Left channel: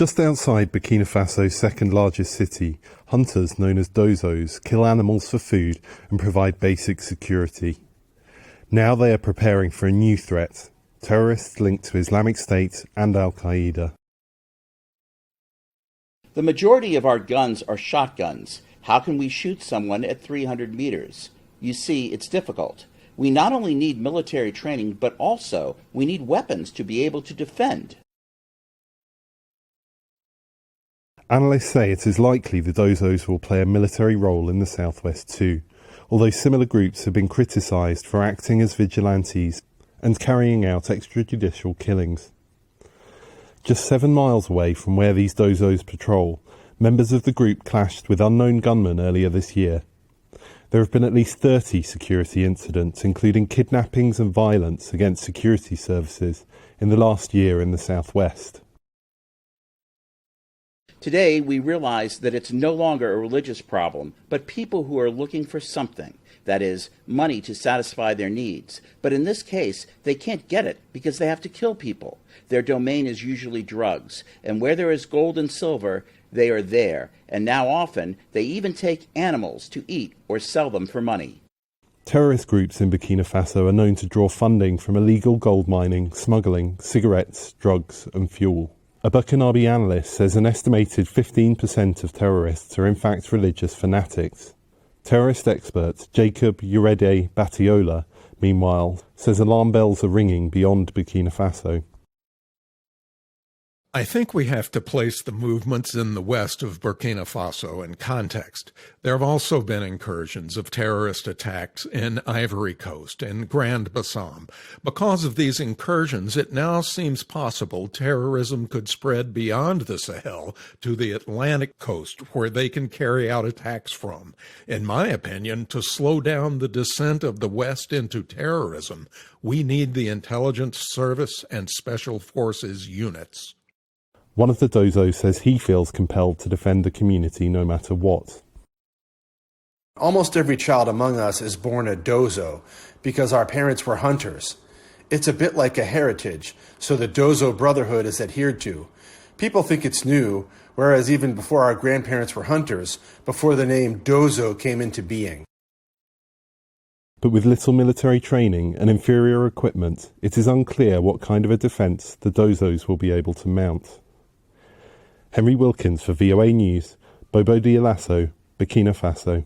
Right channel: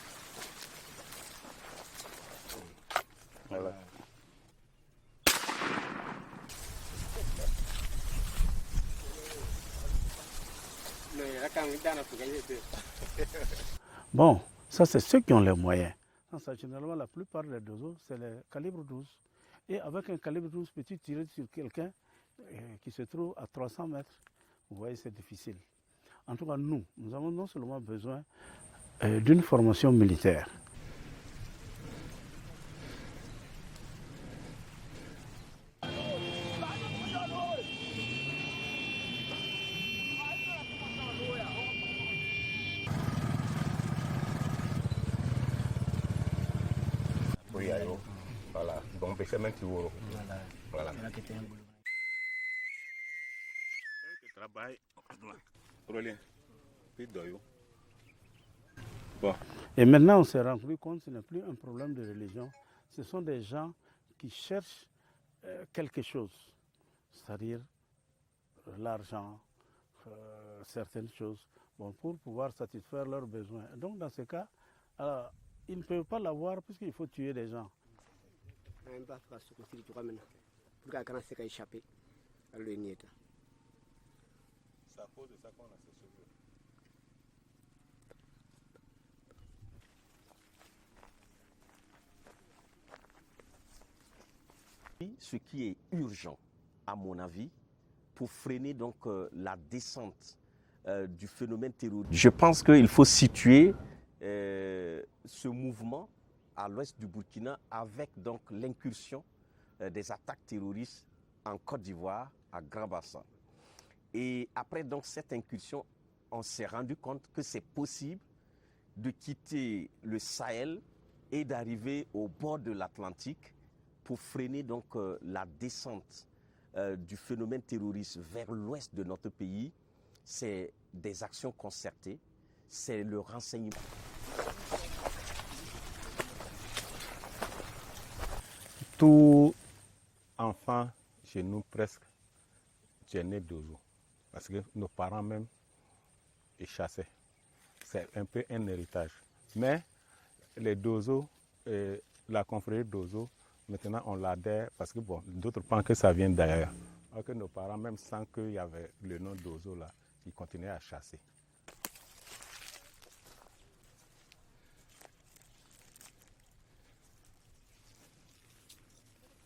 Just outside Burkina Faso's second largest city, hunters known as dozos kill animals for food and provide basic security. Now they are preparing for a new threat, terrorists linked to Islamic State and al-Qaida. The majority of our guns are shotguns. How can we shoot someone at 300 meters? You see, it's difficult. We not only need military training, but also we need weapons to be able to defend. Analysts say it is likely the dozos will play a military role in the southwest too, although similar groups have been criticised for acting as vigilantes and carrying out extrajudicial killings. Just 7 miles away from where these dozos patrol, members of the group clashed with unknown gunmen earlier this year. There have been at least 30 security incidents, including kidnappings and violence against security services, in the last year in the southwest. Today, we realize that it's no longer a religious problem, but people who are looking for something, that is, money to satisfy their needs. But in this case, they can't get it because they have to kill people. Their domain is usually drugs, and where there is gold and silver, they are there. And now often, they even take animals to eat or sell them for money. Terrorist groups in Burkina Faso are known to draw funding from illegal gold mining, smuggling, cigarettes, drugs and fuel. A Burkinabe analyst says an estimated 15% of terrorists are in fact religious fanatics. Terrorist expert Jacob Urede Batiola, meanwhile, says alarm bells are ringing beyond Burkina Faso. I think we have to place the movements in the west of Burkina Faso in context. There have also been incursions of terrorist attacks in Ivory Coast and Grand Bassam. Because of these incursions, it now seems possible terrorism could spread beyond the Sahel to the Atlantic coast, where they can carry out attacks from. In my opinion, to slow down the descent of the West into terrorism, we need the intelligence service and special forces units. One of the dozos says he feels compelled to defend the community no matter what. Almost every child among us is born a dozo because our parents were hunters. It's a bit like a heritage, so the dozo brotherhood is adhered to. People think it's new, whereas even before our grandparents were hunters, before the name dozo came into being. But with little military training and inferior equipment, it is unclear what kind of a defence the dozos will be able to mount. Henry Wilkins for VOA News, Bobo Dioulasso, Burkina Faso.